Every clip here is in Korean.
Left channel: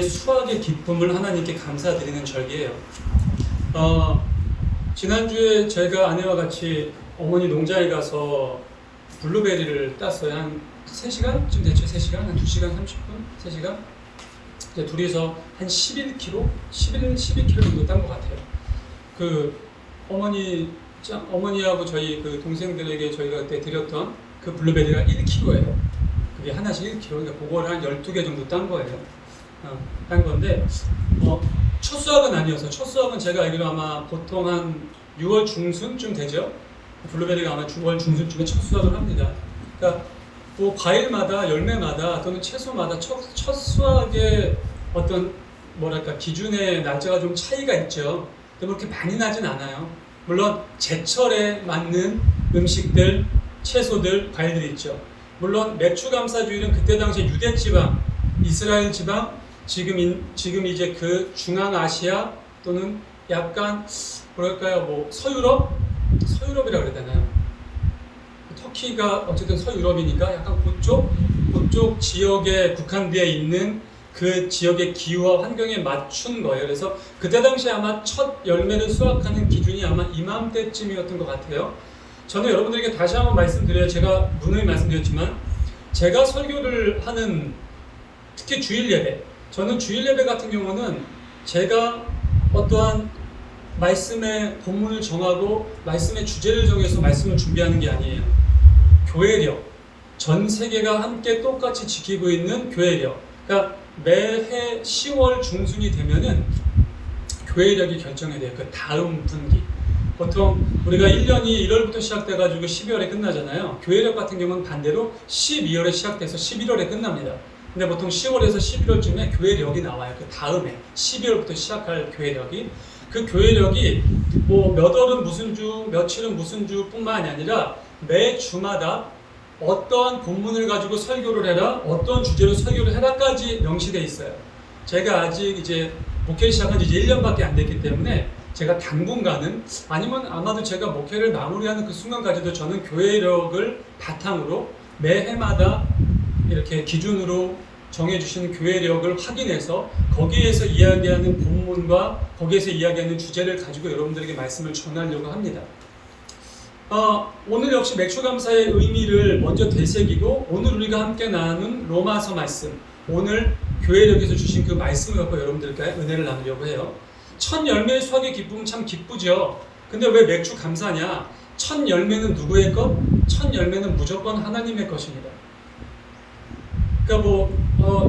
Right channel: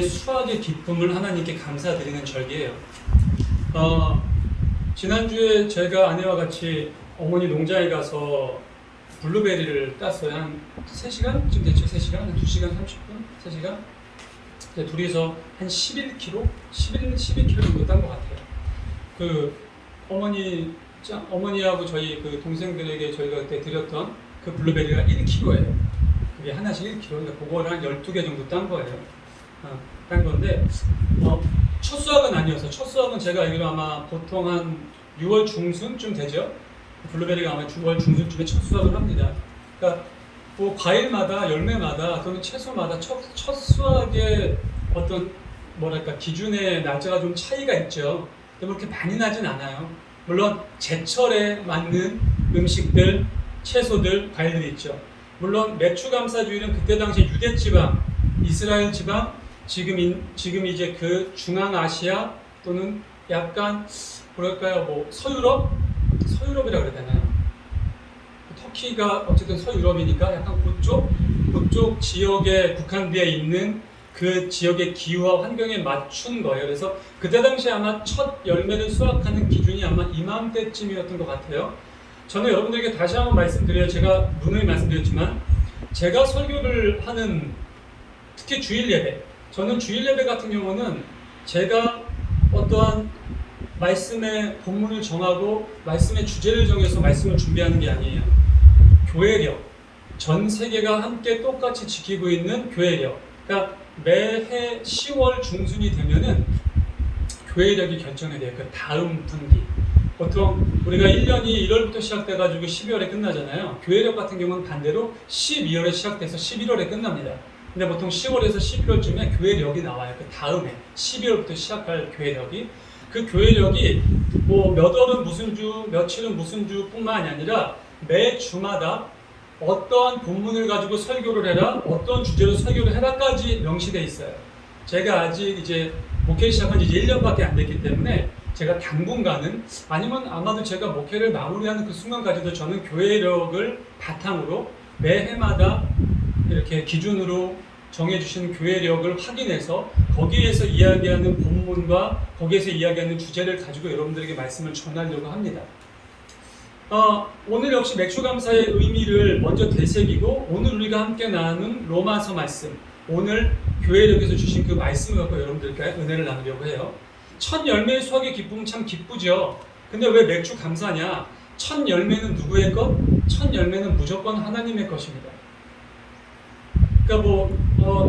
수확의 기쁨을 하나님께 감사드리는 절기예요. 지난주에 제가 아내와 같이 어머니 농장에 가서 블루베리를 땄어요. 한 3시간쯤 됐죠? 3시간? 한 2시간 30분? 3시간? 이제 둘이서 한 11kg? 12kg 정도 딴 것 같아요. 어머니하고 저희 그 동생들에게 저희가 그때 드렸던 그 블루베리가 1kg예요. 그게 하나씩 1kg. 그러니까 그거를 한 12개 정도 딴 거예요. 한 건데, 첫 수확은 아니어서, 첫 수확은 제가 알기로 아마 보통 한 6월 중순쯤 되죠? 블루베리가 아마 6월 중순쯤에 첫 수확을 합니다. 그러니까 뭐 과일마다, 열매마다 또는 채소마다 첫 수확의 어떤 뭐랄까 기준의 날짜가 좀 차이가 있죠. 근데 그렇게 많이 나진 않아요. 물론 제철에 맞는 음식들, 채소들, 과일들이 있죠. 물론 맥추감사주일은 그때 당시 유대 지방, 이스라엘 지방, 지금 이제 그 중앙아시아 또는 약간 뭐랄까요, 뭐 서유럽이라고 그래야 되나요? 터키가 어쨌든 서유럽이니까 약간 그쪽 지역에 국한되어 있는 그 지역의 기후와 환경에 맞춘 거예요. 그래서 그때 당시 아마 첫 열매를 수확하는 기준이 아마 이맘때쯤이었던 것 같아요. 저는 여러분들에게 다시 한번 말씀드려요. 제가 누누이 말씀드렸지만 제가 설교를 하는 특히 주일 예배, 저는 주일 예배 같은 경우는 제가 어떠한 말씀의 본문을 정하고 말씀의 주제를 정해서 말씀을 준비하는 게 아니에요. 교회력, 전 세계가 함께 똑같이 지키고 있는 교회력. 그러니까 매해 10월 중순이 되면은 교회력이 결정이 돼요. 그 다음 분기. 보통 우리가 1년이 1월부터 시작돼가지고 12월에 끝나잖아요. 교회력 같은 경우는 반대로 12월에 시작돼서 11월에 끝납니다. 근데 보통 10월에서 11월쯤에 교회력이 나와요. 그 다음에 12월부터 시작할 교회력이. 그 교회력이 뭐 몇 월은 무슨 주, 며칠은 무슨 주뿐만이 아니라 매 주마다 어떠한 본문을 가지고 설교를 해라, 어떤 주제로 설교를 해라까지 명시되어 있어요. 제가 아직 이제 목회를 시작한 지 1년밖에 안 됐기 때문에 제가 당분간은 아니면 아마도 제가 목회를 마무리하는 그 순간까지도 저는 교회력을 바탕으로 매해마다 이렇게 기준으로 정해주신 교회력을 확인해서 거기에서 이야기하는 본문과 거기에서 이야기하는 주제를 가지고 여러분들에게 말씀을 전하려고 합니다. 오늘 역시 맥추감사의 의미를 먼저 되새기고 오늘 우리가 함께 나누는 로마서 말씀, 오늘 교회력에서 주신 그 말씀을 갖고 여러분들께 은혜를 나누려고 해요. 첫 열매의 수확의 기쁨은 참 기쁘죠. 근데 왜 맥추감사냐? 첫 열매는 누구의 것? 첫 열매는 무조건 하나님의 것입니다. 그러니까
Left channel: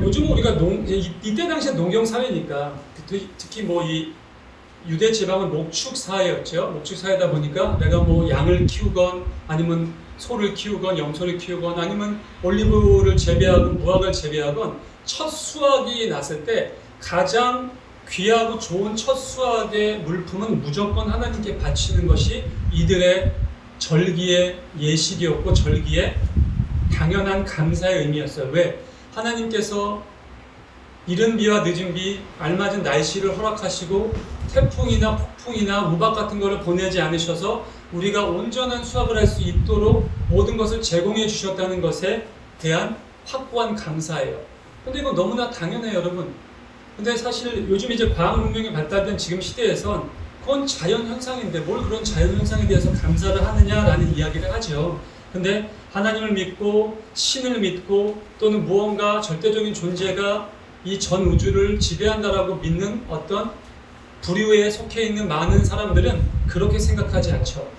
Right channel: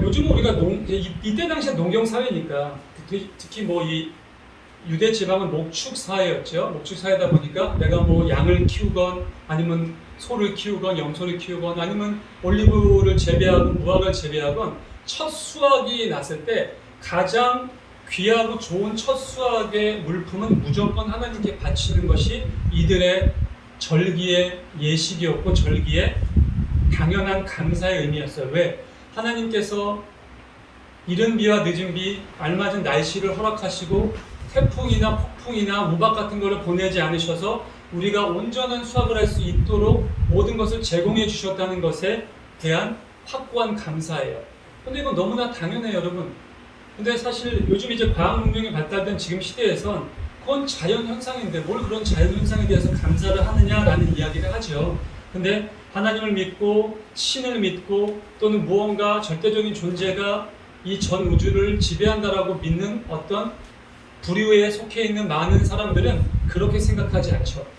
요즘 우리가 이때 당시에 농경 사회니까 특히 뭐 이 유대 지방은 목축 사회였죠. 목축 사회다 보니까 내가 뭐 양을 키우건 아니면 소를 키우건 염소를 키우건 아니면 올리브를 재배하건 무화과를 재배하건 첫 수확이 났을 때 가장 귀하고 좋은 첫 수확의 물품은 무조건 하나님께 바치는 것이 이들의 절기의 예식이었고 절기의 당연한 감사의 의미였어요. 왜? 하나님께서 이른 비와 늦은 비, 알맞은 날씨를 허락하시고 태풍이나 폭풍이나 우박 같은 것을 보내지 않으셔서 우리가 온전한 수확을 할 수 있도록 모든 것을 제공해 주셨다는 것에 대한 확고한 감사예요. 근데 이건 너무나 당연해요, 여러분. 근데 사실 요즘 이제 과학 문명이 발달된 지금 시대에선 그건 자연 현상인데 뭘 그런 자연 현상에 대해서 감사를 하느냐라는 이야기를 하죠. 근데 하나님을 믿고 신을 믿고 또는 무언가 절대적인 존재가 이 전 우주를 지배한다라고 믿는 어떤 부류에 속해 있는 많은 사람들은 그렇게 생각하지 않죠.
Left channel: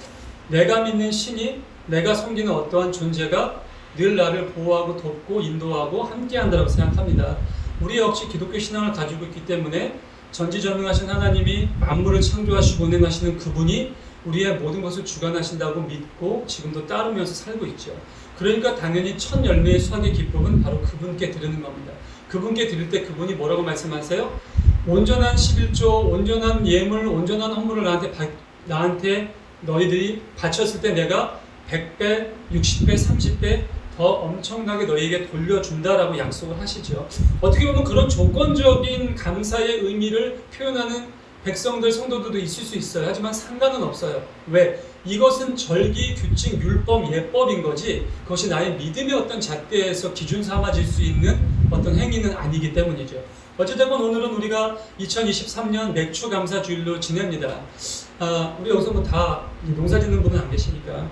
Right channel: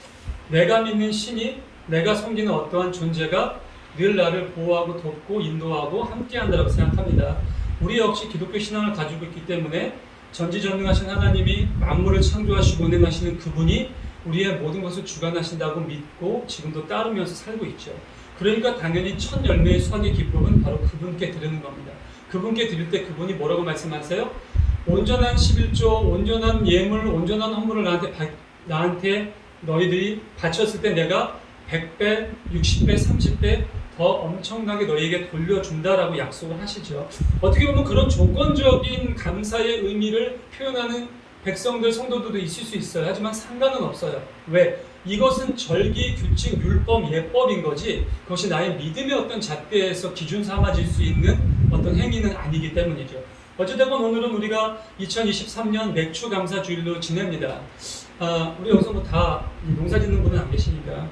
내가 믿는 신이, 내가 섬기는 어떠한 존재가 늘 나를 보호하고 돕고 인도하고 함께한다고 생각합니다. 우리 역시 기독교 신앙을 가지고 있기 때문에 전지전능하신 하나님이 만물을 창조하시고 운행하시는 그분이 우리의 모든 것을 주관하신다고 믿고 지금도 따르면서 살고 있죠. 그러니까 당연히 첫 열매의 수확의 기쁨은 바로 그분께 드리는 겁니다. 그분께 드릴 때 그분이 뭐라고 말씀하세요? 온전한 11조, 온전한 예물, 온전한 헌물을 나한테 너희들이 바쳤을 때 내가 100배, 60배, 30배 더 엄청나게 너희에게 돌려준다라고 약속을 하시죠. 어떻게 보면 그런 조건적인 감사의 의미를 표현하는 백성들, 성도들도 있을 수 있어요. 하지만 상관은 없어요. 왜? 이것은 절기, 규칙, 율법, 예법인 거지 그것이 나의 믿음의 어떤 잣대에서 기준 삼아질 수 있는 어떤 행위는 아니기 때문이죠. 어쨌든 오늘은 우리가 2023년 맥주 감사 주일로 지냅니다. 우리 여기서 뭐 다 농사 짓는 분은 안 계시니까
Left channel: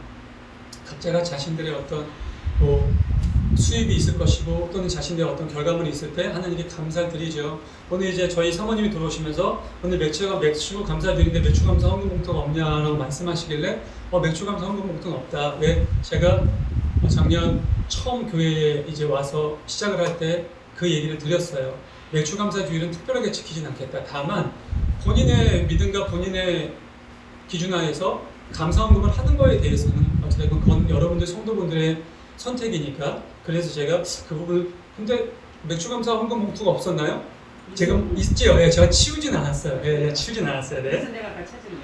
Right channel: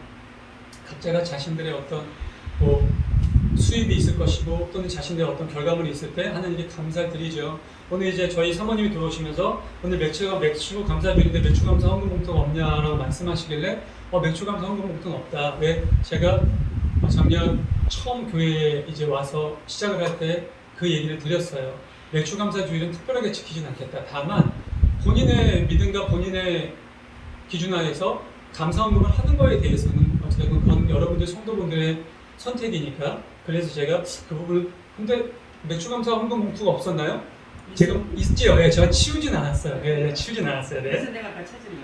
각자가 자신들의 어떤 뭐 수입이 있을 것이고 또는 자신들의 어떤 결과물이 있을 때 하나님께 감사를 드리죠. 오늘 이제 저희 사모님이 들어오시면서 오늘 맥주 감사 주일인데 맥주 감사 헌금 봉투가 없냐라고 말씀하시길래 맥주 감사 헌금 봉투는 없다. 왜 제가 작년 처음 교회에 이제 와서 시작을 할 때 그 얘기를 드렸어요. 맥주 감사 주일은 특별하게 지키진 않겠다. 다만 본인의 믿음과 본인의 기준하에서 감사 헌금을 하는 거에 대해서는 어쨌든 그건 여러분들 성도분들의 선택이니까. 그래서 제가 그 부분을 근데 맥주 감사 헌금 봉투가 없었나요? 제가 있지요. 네, 제가 치우진 않았어요. 네, 치우진 않았어요. 네.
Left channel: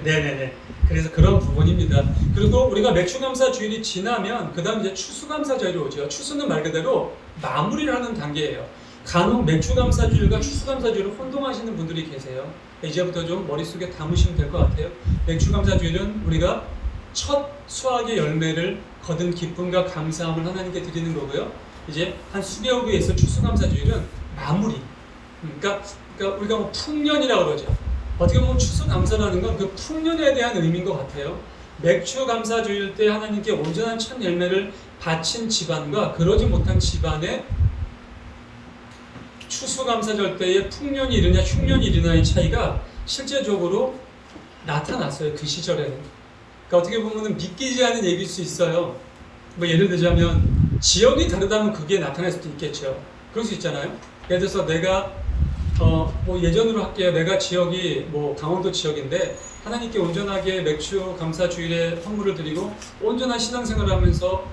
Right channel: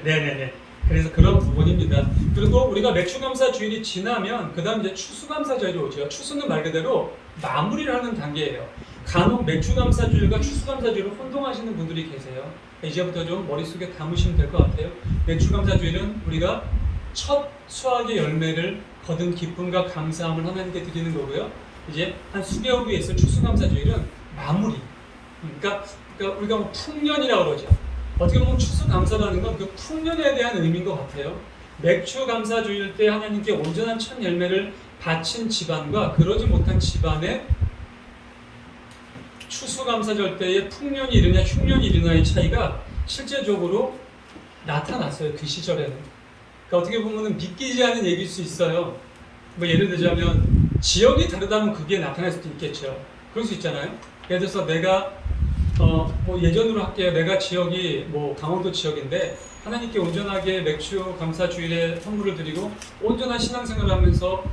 네네네. 그래서 그런 부분입니다. 그리고 우리가 맥주 감사 주일이 지나면 그 다음 이제 추수 감사 주일이 오죠. 추수는 말 그대로 마무리를 하는 단계예요. 간혹 맥주 감사 주일과 추수 감사 주일을 혼동하시는 분들이 계세요. 이제부터 좀 머릿속에 담으시면 될 것 같아요. 맥주 감사 주일은 우리가 첫 수확의 열매를 거둔 기쁨과 감사함을 하나님께 드리는 거고요. 이제 한 수개월 후에 있을 추수 감사 주일은 마무리. 그러니까 우리가 뭐 풍년이라고 그러죠. 어떻게 보면 추수 감사라는 건 그 풍년에 대한 의미인 것 같아요. 맥주 감사 주일 때 하나님께 온전한 첫 열매를 바친 집안과 그러지 못한 집안의 추수감사절 때의 풍년이 이르냐 흉년이 이르냐의 차이가 실제적으로 나타났어요. 그 시절에는. 그러니까 어떻게 보면 믿기지 않은 얘기일 수 있어요. 뭐 예를 들자면 지역이 다르다면 그게 나타날 수도 있겠죠. 그럴 수 있잖아요. 예를 들어서 내가 뭐 예전으로 할게요. 내가 지역이 뭐 강원도 지역인데 하나님께 온전하게 맥주 감사 주일에 선물을 드리고 온전한 신앙생활을 하면서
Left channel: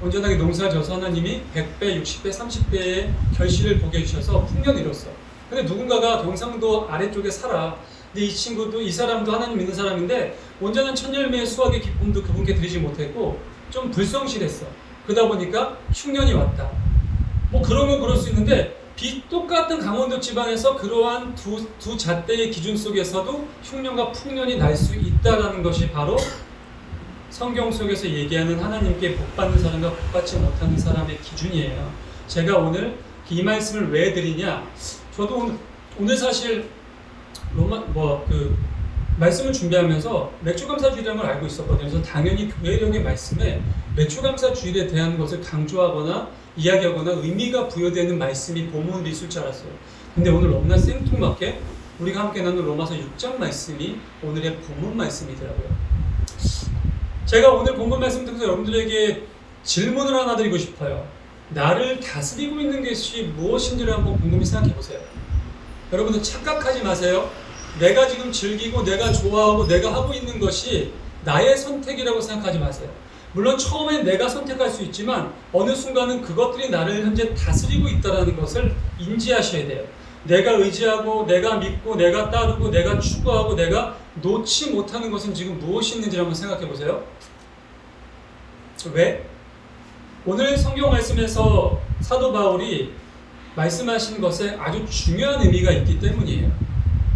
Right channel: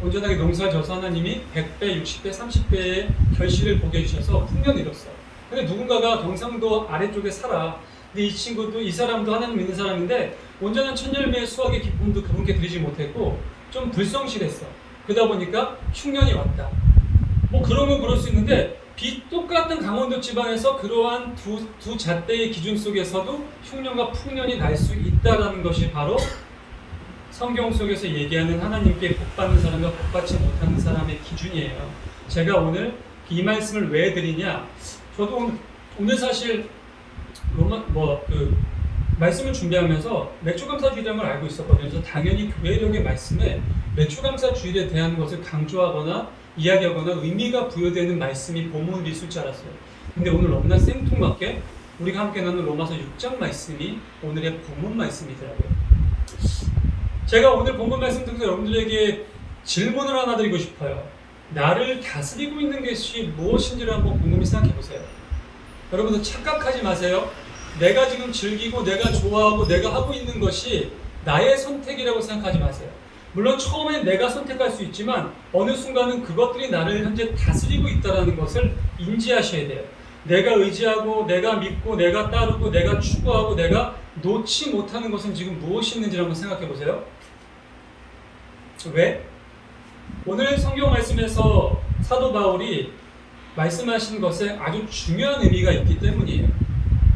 온전하게 농사를 져서 하나님이 100배, 60배, 30배의 결실을 보게 해주셔서 풍년을 이뤘어. 근데 누군가가 경상도 아래쪽에 살아. 근데 이 친구도, 이 사람도 하나님 믿는 사람인데 온전한 첫 열매의 수확의 기쁨도 그분께 드리지 못했고 좀 불성실했어. 그러다 보니까 흉년이 왔다. 뭐 그러면 그럴 수 있는데 똑같은 강원도 지방에서 그러한 두 잣대의 기준 속에서도 흉년과 풍년이 날 수 있다는 것이 바로 성경 속에서 얘기하는 하나님께 복받는 사람과 복받지 못하는 사람의 기준이에요. 제가 오늘 이 말씀을 왜 드리냐? 저도 오늘 사실 말씀을 준비하면서 맥주감사 주일이라는 걸 알고 있었거든요. 그래서 당연히 교회력의 말씀에 맥주감사 주일에 대한 것을 강조하거나 이야기하거나 의미가 부여되는 말씀이 본문으로 있을 줄 알았어요. 근데 오늘 너무나 생뚱맞게 우리가 함께 나눈 로마서 6장 말씀이 오늘의 본문 말씀이더라고요. 제가 오늘 본문 말씀 통해서 여러분들에게 질문을 하나 드리고 싶어요. 나를 다스리고 있는 것이 무엇인지를 한번 곰곰이 생각해 보세요. 여러분들 착각하지 마세요. 내가 지금 즐기고 내가 좋아하고 내가 하고 있는 것이 나의 선택이라고 생각하지 마세요. 물론 처음에 내가 선택할 수 있지만 어느 순간은 그것들이 나를 현재 다스리고 있다는 것을 인지하셔야 돼요. 내가 의지하고 내가 믿고 내가 따르고 내가 추구하고 내가 놓지 못하는 것은 지금 무엇이 있는지 한번 생각해 보세요. 왜? 오늘 성경 말씀에서 사도 바울이 말씀하신 것에 아주 중요한 의미가 있기 때문이에요.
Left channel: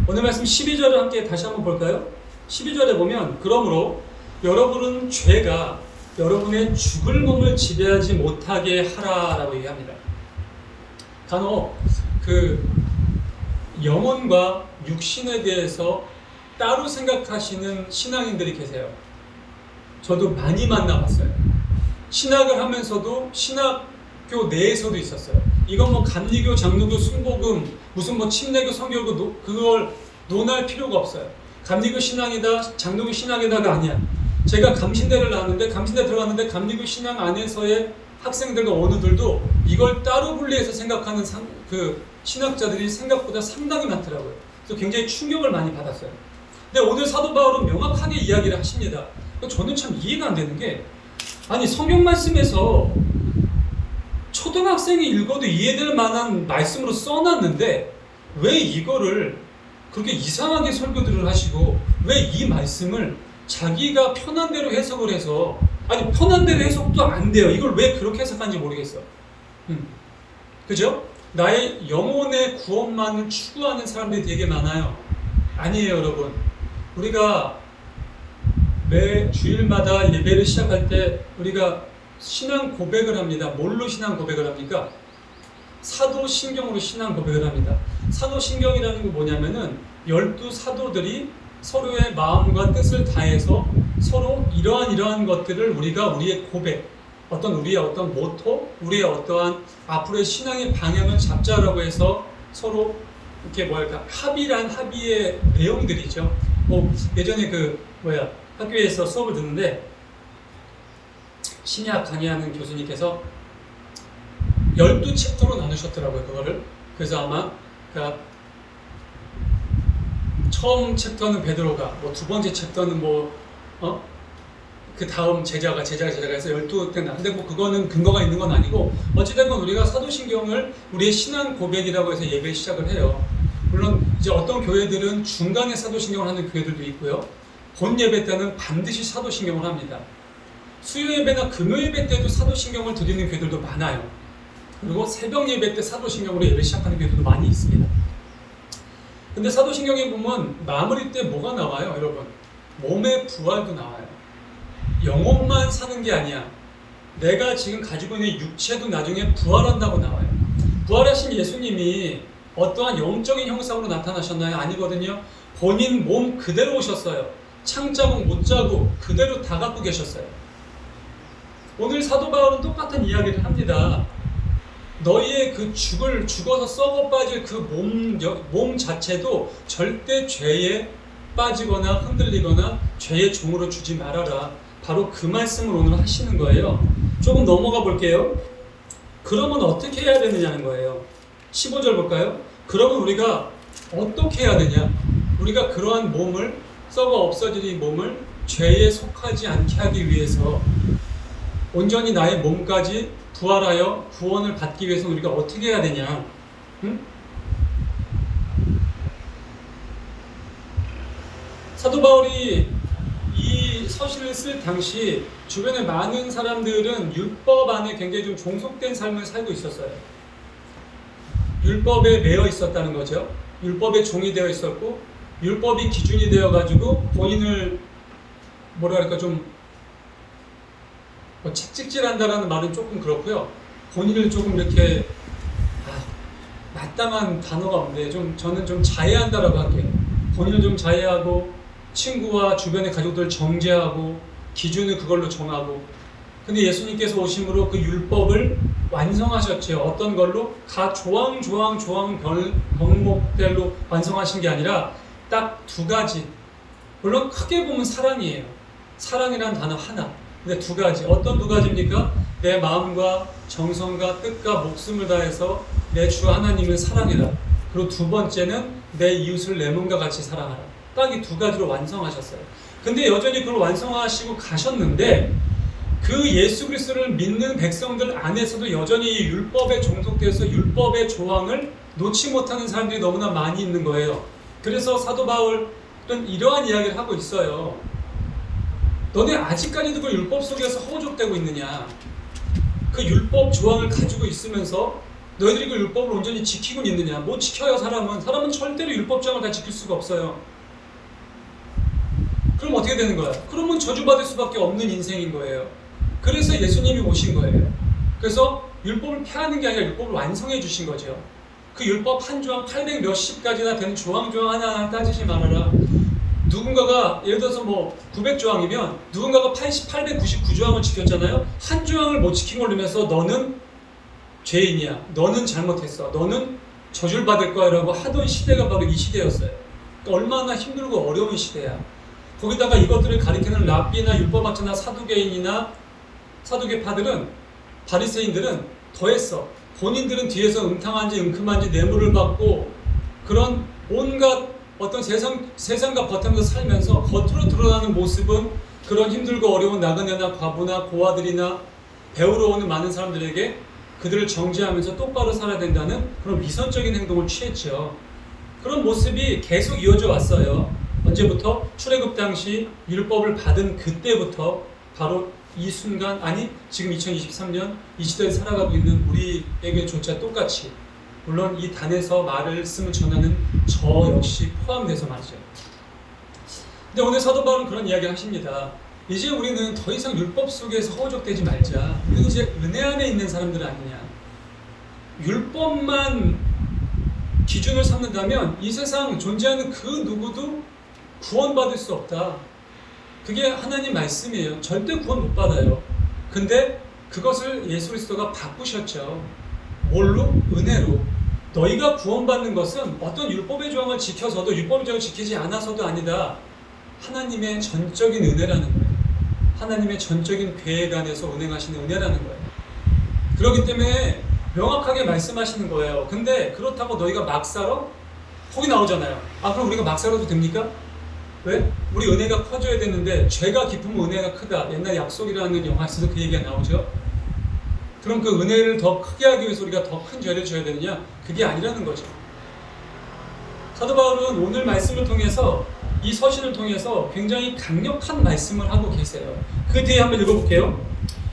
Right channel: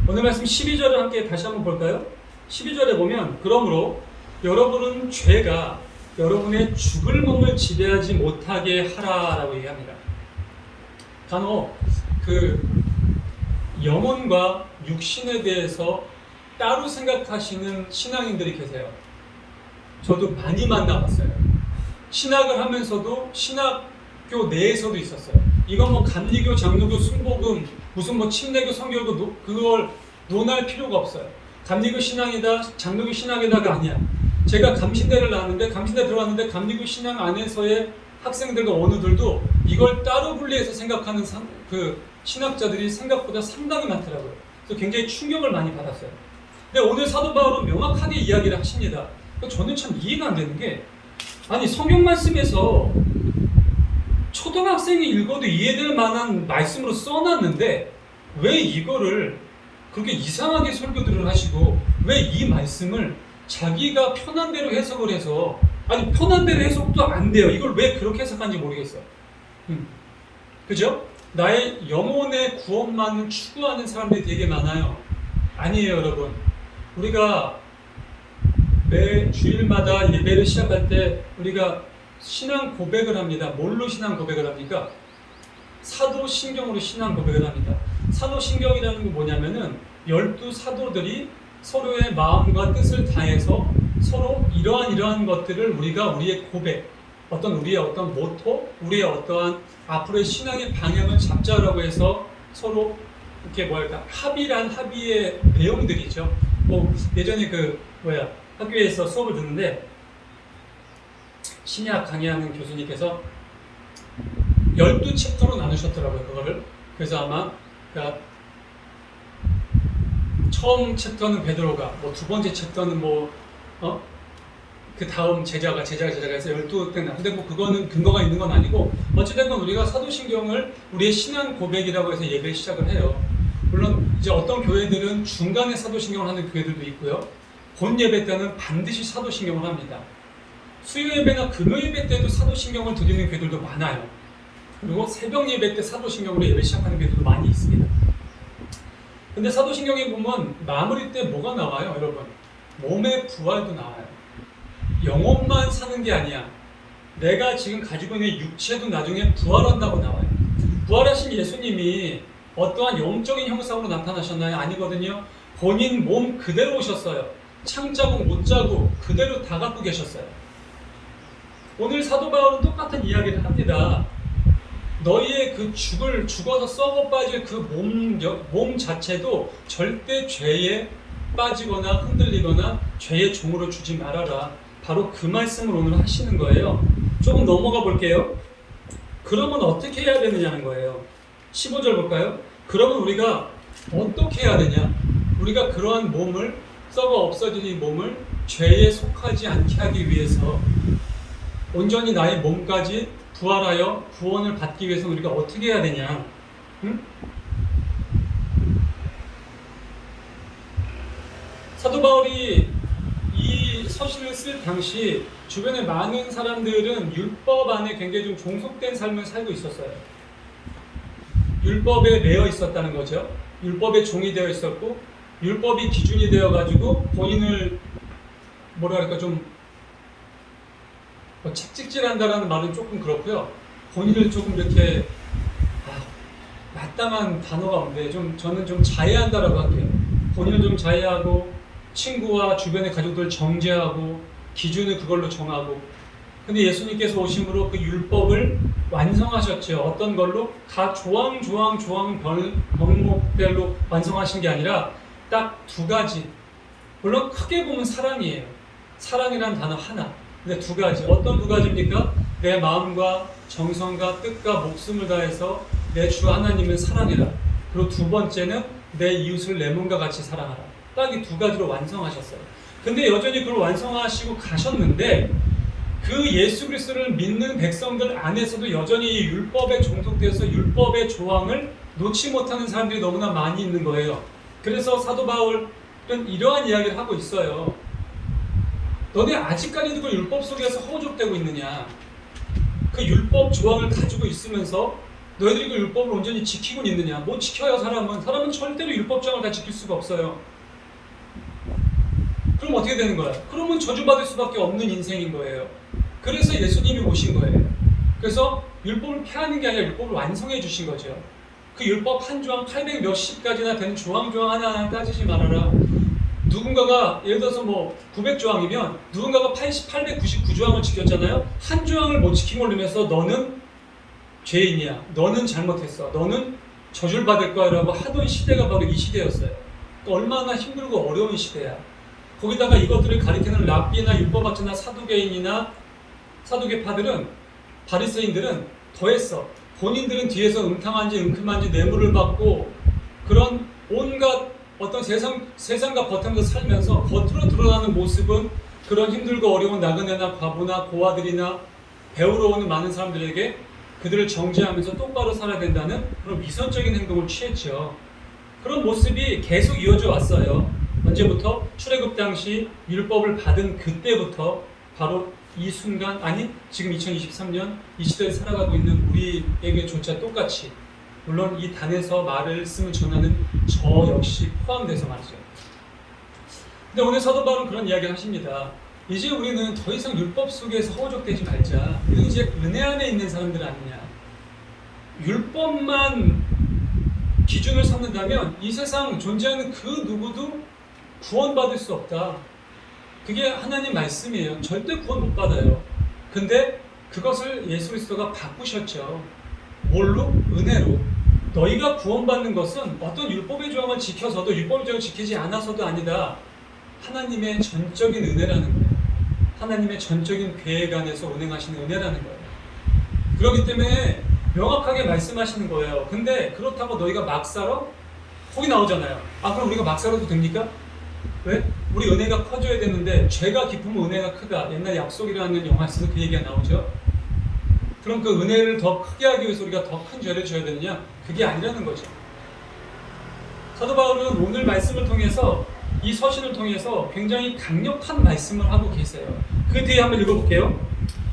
오늘 말씀 12절을 함께 다시 한번 볼까요? 12절에 보면 그러므로 여러분은 죄가 여러분의 죽을 몸을 지배하지 못하게 하라라고 얘기합니다. 간혹 그 영혼과 육신에 대해서 따로 생각하시는 신앙인들이 계세요. 저도 많이 만나봤어요. 신학을 하면서도 신학교 내에서도 있었어요. 이건 뭐 감리교, 장로교, 순복음, 무슨 뭐 침례교, 성교교 그걸 논할 필요가 없어요. 감리교 신앙이다, 장로교 신앙이다가 아니야. 제가 감신대를 나왔는데 감신대 들어갔는데 감리교 신앙 안에서의 학생들과 어느들도 이걸 따로 분리해서 생각하는 그 신학자들이 생각보다 상당히 많더라고요. 그래서 굉장히 충격을 많이 받았어요. 근데 오늘 사도 바울은 명확하게 이야기를 하십니다. 저는 참 이해가 안 되는 게 아니 성경 말씀에서 초등학생이 읽어도 이해될 만한 말씀으로 써놨는데 왜 이거를 그렇게 이상하게 설교들을 하시고 왜 이 말씀을 자기가 편한 대로 해석을 해서 아니 편한 대로 해석도 안 돼요. 이걸 왜 그렇게 해석하는지 모르겠어요. 그죠? 나의 영혼의 구원만을 추구하는 사람들이 되게 많아요. 아니에요 여러분. 우리가 매 주일마다 예배를 시작할 때 우리가 신앙 고백을 합니다. 뭘로 신앙 고백을 합니까? 사도신경으로 신앙 고백을 합니다. 사도신경이라는 건 뭐냐면은 12사도들이 서로의 마음과 뜻을 다해서 서로 이러한 것들을 우리가 우리의 고백, 우리의 어떤 모토, 우리의 어떠한 앞으로의 신앙의 방향을 잡자라고 해서 서로 이렇게 합의의 내용들이죠. 예전에 학교에서 수업을 듣는데 신약 강의하는 교수님께서 12챕터로 나누셨더라고요, 그거를. 그래서 아마 처음 챕터는 베드로가, 두 번째 챕터는 그 다음 제자가 해서 12챕터. 근데 그거는 근거가 있는 건 아니고, 어찌됐건 우리가 사도신경을 우리의 신앙 고백이라고 해서 예배를 시작을 해요. 물론 이제 어떤 교회들은 중간에 사도신경을 하는 교회들도 있고요. 본 예배 때는 반드시 사도신경을 합니다. 수요 예배나 금요 예배 때도 사도신경을 드리는 교회들도 많아요. 그리고 새벽 예배 때 사도신경으로 예배 시작하는 교회들도 많이 있습니다. 근데 사도신경에 보면 마무리 때 뭐가 나와요, 여러분? 몸의 부활도 나와요. 영혼만 사는 게 아니야. 내가 지금 가지고 있는 육체도 나중에 부활한다고 나와요. 부활하신 예수님이 어떠한 영적인 형상으로 나타나셨나요? 아니거든요. 본인 몸 그대로 오셨어요. 창자국, 못자국 그대로 다 갖고 계셨어요. 오늘 사도 바울은 똑같은 이야기를 합니다. 너희의 죽어서 썩어 빠질 그 몸 자체도 절대 죄에 빠지거나 흔들리거나 죄의 종으로 주지 말아라. 바로 그 말씀을 오늘 하시는 거예요. 조금 넘어가 볼게요. 그러면 어떻게 해야 되느냐는 거예요. 15절 볼까요? 그러면 우리가 어떻게 해야 되냐? 우리가 그러한 몸을, 썩어 없어질 이 몸을 죄에 속하지 않게 하기 위해서 온전히 나의 몸까지 부활하여 구원을 받기 위해서 우리가 어떻게 해야 되냐? 사도 바울이 이 서신을 쓸 당시 주변에 많은 사람들은 율법 안에 굉장히 좀 종속된 삶을 살고 있었어요. 율법에 매여 있었다는 거죠. 율법의 종이 되어 있었고, 율법이 기준이 되어가지고 본인을 채찍질한다라는 말은 조금 그렇고요. 본인을 조금 이렇게 마땅한 단어가 없는데 저는 좀 자해한다라고 할게요. 본인을 좀 자해하고 친구와 주변의 가족들 정죄하고 기준을 그걸로 정하고. 근데 예수님께서 오심으로 그 율법을 완성하셨죠. 어떤 걸로? 각 조항 병목별로 완성하신 게 아니라 딱 2가지. 물론 크게 보면 사랑이에요. 사랑이란 단어 하나. 근데 2가지. 어떤 2가지입니까? 내 마음과 정성과 뜻과 목숨을 다해서 내 주 하나님을 사랑해라. 그리고 2번째는 내 이웃을 내 몸과 같이 사랑하라. 딱 이 2가지로 완성하셨어요. 근데 여전히 그걸 완성하시고 가셨는데, 그 예수 그리스도를 믿는 백성들 안에서도 여전히 이 율법에 종속돼서 율법의 조항을 놓지 못하는 사람들이 너무나 많이 있는 거예요. 그래서 사도 바울은 이러한 이야기를 하고 있어요. 너네 아직까지도 그 율법 속에서 허우적대고 있느냐? 그 율법 조항을 가지고 있으면서 너희들이 그 율법을 온전히 지키고 있느냐? 못 지켜요. 사람은 절대로 율법 조항을 다 지킬 수가 없어요. 그럼 어떻게 되는 거야? 그러면 저주받을 수밖에 없는 인생인 거예요. 그래서 예수님이 오신 거예요. 그래서 율법을 폐하는 게 아니라 율법을 완성해 주신 거죠. 그 율법 한 조항 800 몇십 가지나 되는 조항 하나하나 따지지 말아라. 누군가가 예를 들어서 900조항이면 누군가가 899조항을 지켰잖아요. 한 조항을 못 지킨 걸로 인해서 너는 죄인이야. 너는 잘못했어. 너는 저주를 받을 거야 라고 하던 시대가 바로 이 시대였어요. 그러니까 얼마나 힘들고 어려운 시대야. 거기다가 이것들을 가리키는 랍비나 율법학자나 사두개파들은, 바리새인들은 더했어. 본인들은 뒤에서 음탕한지 은큼한지 뇌물을 받고 그런 온갖 어떤 세상과 버티면서 살면서 겉으로 드러나는 모습은 그런 힘들고 어려운 나그네나 과부나 고아들이나 배우러 오는 많은 사람들에게 그들을 정죄하면서 똑바로 살아야 된다는 그런 위선적인 행동을 취했죠. 그런 모습이 계속 이어져 왔어요. 언제부터? 출애굽 당시 율법을 받은 그때부터 바로 이 순간, 아니 지금 2023년 이 시대에 살아가고 있는 우리에게조차 똑같이, 물론 이 단에서 말씀을 전하는 저 역시 포함돼서 말이죠. 근데 오늘 사도 바울은 그런 이야기를 하십니다. 이제 우리는 더 이상 율법 속에서 허우적대지 말자. 우리는 이제 은혜 안에 있는 사람들 아니냐. 율법만 기준을 삼는다면 이 세상 존재하는 그 누구도 구원받을 수 없다. 그게 하나님 말씀이에요. 절대 구원 못 받아요. 근데 그것을 예수 그리스도가 바꾸셨죠. 뭘로? 은혜로. 너희가 구원받는 것은 어떤 율법의 조항을 지켜서도 율법의 조항을 지키지 않아서도 아니다. 하나님의 전적인 은혜라는 거예요. 하나님의 전적인 계획 안에서 운행하시는 은혜라는 거예요. 그렇기 때문에 명확하게 말씀하시는 거예요. 근데 그렇다고 너희가 막 살아? 거기 나오잖아요. 아, 그럼 우리가 막 살아도 됩니까? 왜? 우리 은혜가 커져야 되는데 죄가 깊으면 은혜가 크다. 옛날 약속이라는 영화에서도 그 얘기가 나오죠. 그럼 그 은혜를 더 크게 하기 위해서 우리가 더 큰 죄를 져야 되느냐? 그게 아니라는 거죠. 사도 바울은 오늘 말씀을 통해서 이 서신을 통해서 굉장히 강력한 말씀을 하고 계세요. 그 뒤에 한번 읽어볼게요.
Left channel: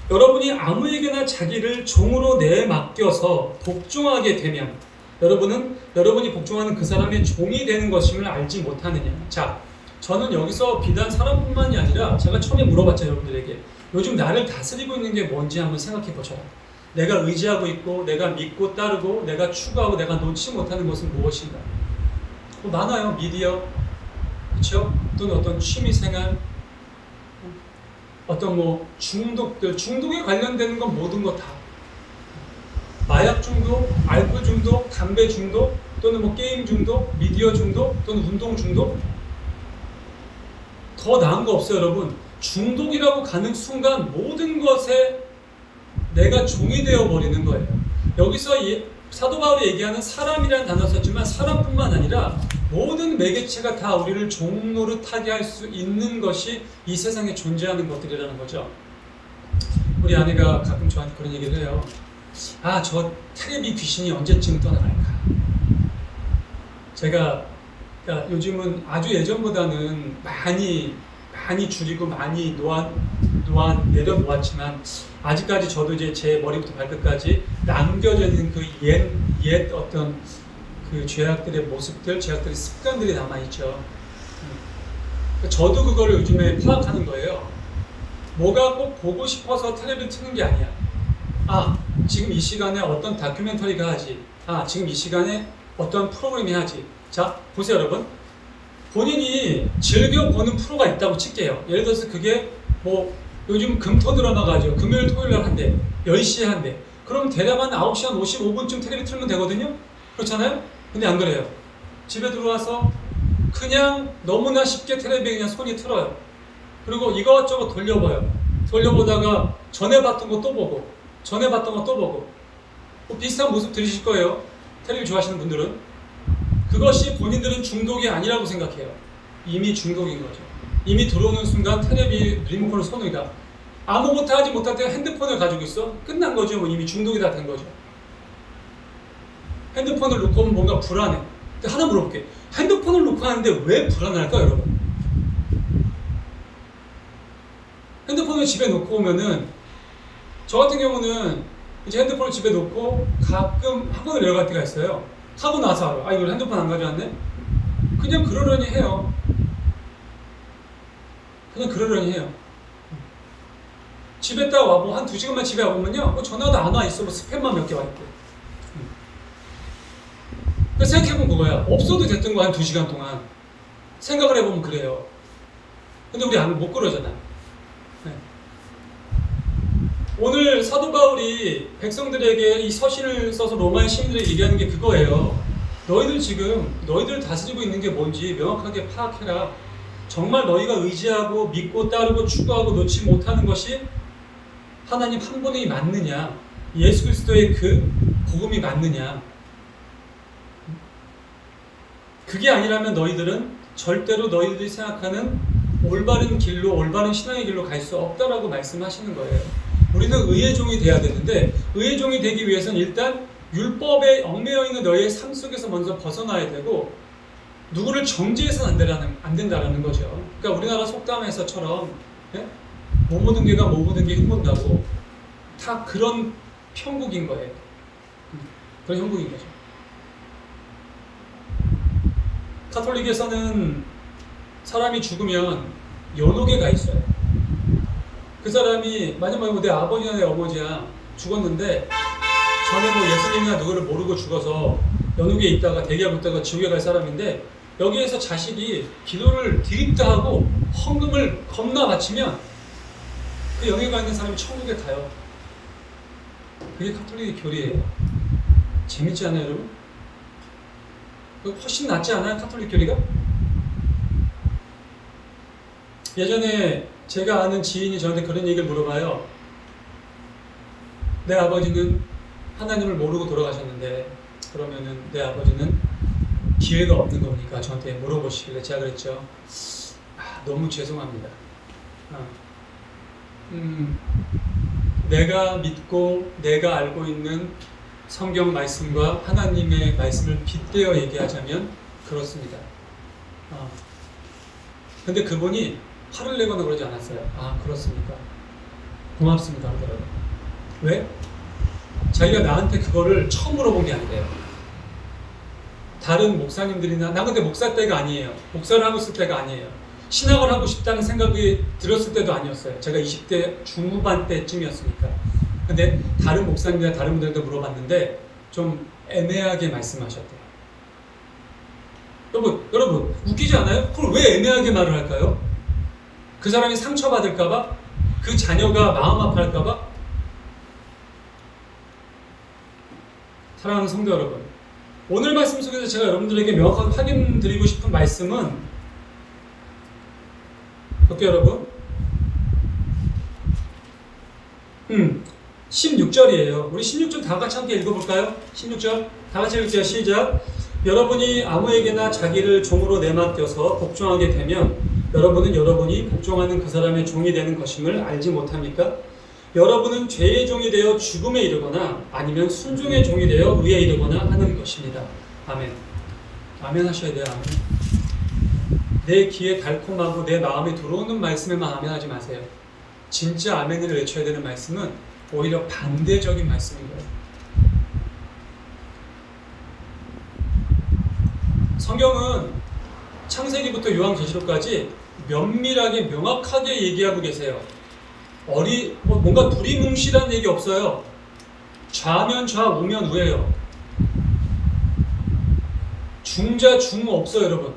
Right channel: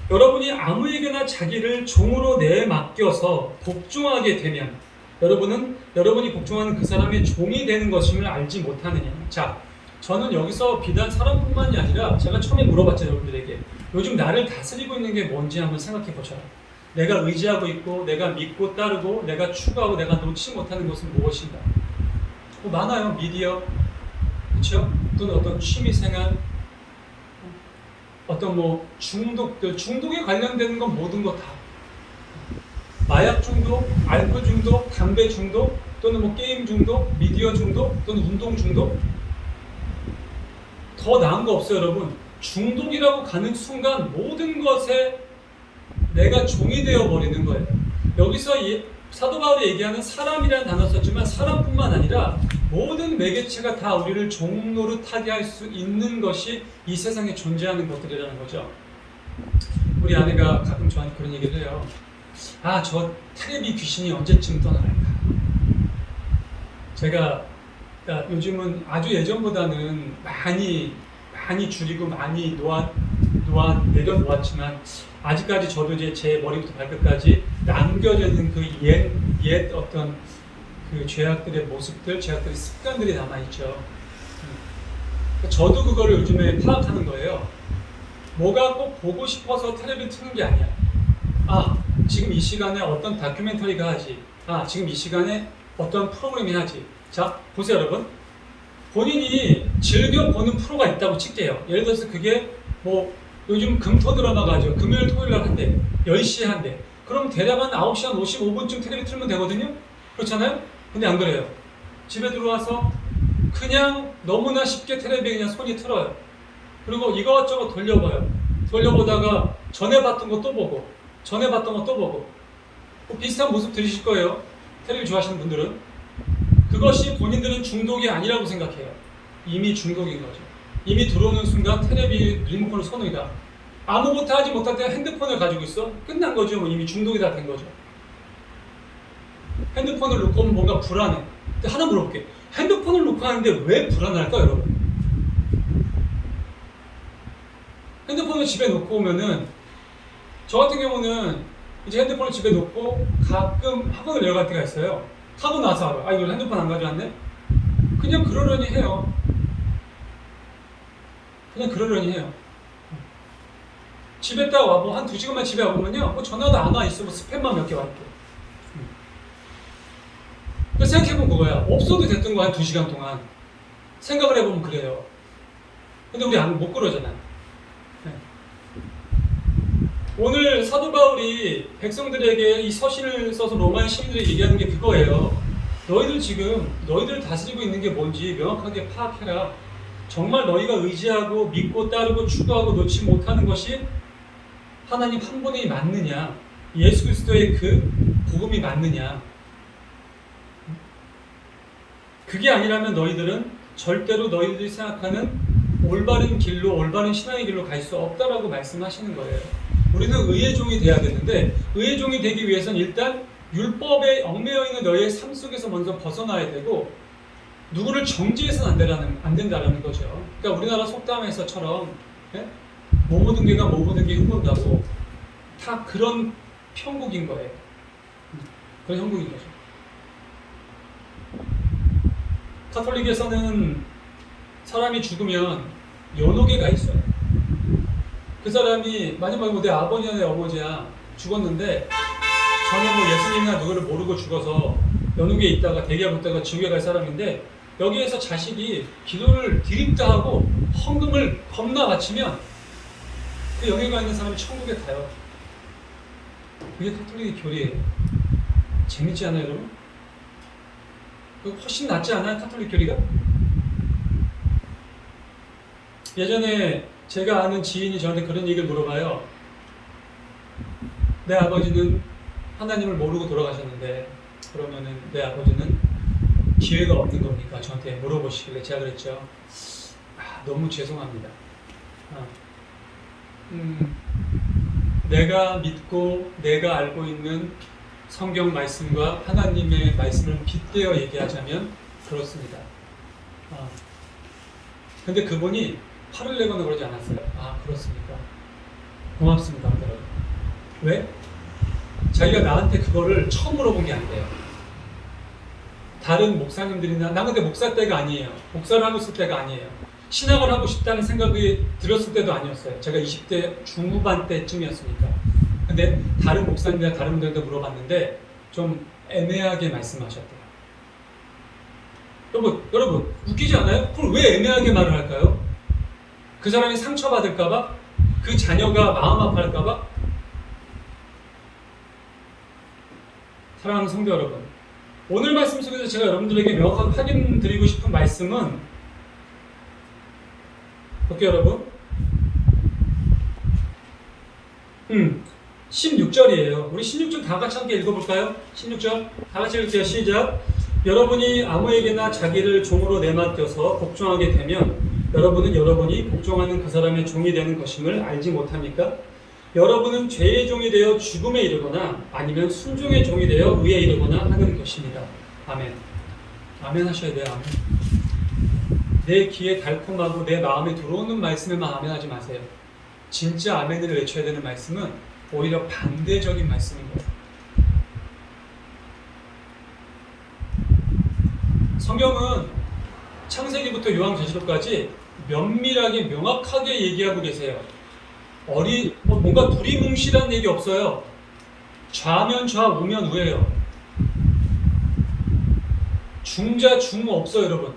여러분이 아무에게나 자기를 종으로 내맡겨서 복종하게 되면 여러분이 복종하는 그 사람의 종이 되는 것임을 알지 못하느냐. 자, 저는 여기서 비단 사람뿐만이 아니라 제가 처음에 물어봤죠, 여러분들에게. 요즘 나를 다스리고 있는 게 뭔지 한번 생각해 보셔라. 내가 의지하고 있고, 내가 믿고 따르고, 내가 추구하고, 내가 놓지 못하는 것은 무엇인가? 또 많아요. 미디어, 그렇죠? 또는 어떤 취미생활, 어떤 뭐 중독들, 중독에 관련되는 건 모든 거 다. 마약 중독, 알코올 중독, 담배 중독, 또는 뭐 게임 중독, 미디어 중독, 또는 운동 중독. 더 나은 거 없어요, 여러분. 중독이라고 가는 순간 모든 것에 내가 종이 되어 버리는 거예요. 여기서 사도 바울이 얘기하는 사람이라는 단어 썼지만 사람뿐만 아니라 모든 매개체가 다 우리를 종노릇하게 할 수 있는 것이 이 세상에 존재하는 것들이라는 거죠. 우리 아내가 가끔 저한테 그런 얘기를 해요. 아, 저 텔레비 귀신이 언제쯤 떠나갈까? 제가 그러니까 요즘은 아주 예전보다는 많이 줄이고 많이 내려놓았지만 아직까지 저도 이제 제 머리부터 발끝까지 남겨져 있는 그 옛 어떤 그 죄악들의 모습들, 죄악들의 습관들이 남아있죠. 저도 그거를 요즘에 파악하는 거예요. 뭐가 꼭 보고 싶어서 텔레비를 트는 게 아니야. 아, 지금 이 시간에 어떤 다큐멘터리가 하지. 아, 지금 이 시간에 어떤 프로그램이 하지. 자, 보세요, 여러분. 본인이 즐겨 보는 프로가 있다고 칠게요. 예를 들어서 그게 뭐 요즘 금토 드라마가 하죠. 금요일 토요일 날 한대. 10시에 한대. 그럼 대략 한 9시 한 55분쯤 텔레비 틀면 되거든요. 그렇잖아요? 근데 안 그래요. 집에 들어와서 그냥 너무나 쉽게 텔레비에 그냥 손이 틀어요. 그리고 이것저것 돌려봐요. 돌려보다가 전에 봤던 거 또 보고 전에 봤던 거 또 보고 뭐 비슷한 모습 들으실 거예요. 텔레비 좋아하시는 분들은. 그것이 본인들은 중독이 아니라고 생각해요. 이미 중독인 거죠. 이미 들어오는 순간 텔레비 리모컨을 손으니까 아무것도 하지 못할 때 핸드폰을 가지고 있어? 끝난 거죠. 뭐 이미 중독이 다 된 거죠. 핸드폰을 놓고 오면 뭔가 불안해. 근데 하나 물어볼게. 핸드폰을 놓고 하는데 왜 불안할까, 여러분? 핸드폰을 집에 놓고 오면은 저 같은 경우는 이제 핸드폰을 집에 놓고 가끔 학원을 내려갈 때가 있어요. 하고 나서 알아. 아, 이거 핸드폰 안 가져왔네? 그냥 그러려니 해요. 그냥 그러려니 해요. 집에 딱 와보 한 2시간만 집에 와보면요, 뭐 전화도 안 와 있어. 뭐 스팸만 몇 개 와 있고. 그래서 생각해보면 그거야. 없어도 됐던 거 한 2시간 동안 생각을 해보면 그래요. 근데 우리 못 그러잖아요. 네. 오늘 사도 바울이 백성들에게 이 서신을 써서 로마의 시민들에게 얘기하는 게 그거예요. 너희들 다스리고 있는 게 뭔지 명확하게 파악해라. 정말 너희가 의지하고 믿고 따르고 추구하고 놓지 못하는 것이 하나님 한 분이 맞느냐, 예수 그리스도의 그 복음이 맞느냐. 그게 아니라면 너희들은 절대로 너희들이 생각하는 올바른 길로, 올바른 신앙의 길로 갈 수 없다라고 말씀하시는 거예요. 우리는 의의 종이 돼야 되는데 의의 종이 되기 위해서는 일단 율법에 얽매여 있는 너희의 삶 속에서 먼저 벗어나야 되고 누구를 정죄해서는 안 된다라는 거죠. 그러니까 우리나라 속담에서처럼 못 묻은 개가 못 묻은 개 흠본다고 다 그런 편국인 거예요. 그런 형국인 거죠. 가톨릭에서는 사람이 죽으면 연옥에 가 있어요. 그 사람이 만약 내 아버지나 내 아버지야 죽었는데 전에 뭐 예수님이나 누구를 모르고 죽어서 연옥에 있다가 대기하고 있다가 지옥에 갈 사람인데 여기에서 자식이 기도를 드립다 하고 헌금을 겁나 바치면 그 영예가 있는 사람이 천국에 가요. 그게 가톨릭의 교리예요. 재밌지 않아요, 여러분? 훨씬 낫지 않아요, 가톨릭 교리가? 예전에 제가 아는 지인이 저한테 그런 얘기를 물어봐요. 내 아버지는 하나님을 모르고 돌아가셨는데 그러면은 내 아버지는 기회가 없는 겁니까? 저한테 물어보시길래 제가 그랬죠. 너무 죄송합니다. 내가 믿고 내가 알고 있는 성경 말씀과 하나님의 말씀을 빗대어 얘기하자면 그렇습니다. 근데 그분이 화를 내거나 그러지 않았어요. 그렇습니까? 고맙습니다. 그러더라고요. 왜? 자기가 나한테 그거를 처음 물어본 게 아니래요. 다른 목사님들이나 나 근데 목사 때가 아니에요. 목사를 하고 있을 때가 아니에요. 신학을 하고 싶다는 생각이 들었을 때도 아니었어요. 제가 20대 중후반 때쯤이었으니까. 근데 다른 목사님이나 다른 분들도 물어봤는데 좀 애매하게 말씀하셨대요. 여러분 웃기지 않아요? 그걸 왜 애매하게 말을 할까요? 그 사람이 상처받을까봐? 그 자녀가 마음 아파할까봐? 사랑하는 성도 여러분, 오늘 말씀 속에서 제가 여러분들에게 명확하게 확인드리고 싶은 말씀은 볼게요, 여러분. 16절이에요. 우리 16절 다 같이 함께 읽어볼까요? 16절 다 같이 읽을게요. 시작. 여러분이 아무에게나 자기를 종으로 내맡겨서 복종하게 되면 여러분은 여러분이 복종하는 그 사람의 종이 되는 것임을 알지 못합니까? 여러분은 죄의 종이 되어 죽음에 이르거나 아니면 순종의 종이 되어 의에 이르거나 하는 것입니다. 아멘. 아멘 하셔야 돼요. 아멘. 내 귀에 달콤하고 내 마음에 들어오는 말씀에만 아멘 하지 마세요. 진짜 아멘을 외쳐야 되는 말씀은 오히려 반대적인 말씀인 거예요. 성경은 창세기부터 요한계시록까지 면밀하게 명확하게 얘기하고 계세요. 뭔가 두리뭉실한 얘기 없어요. 좌면 좌, 우면 우예요. 중자, 중 없어요, 여러분.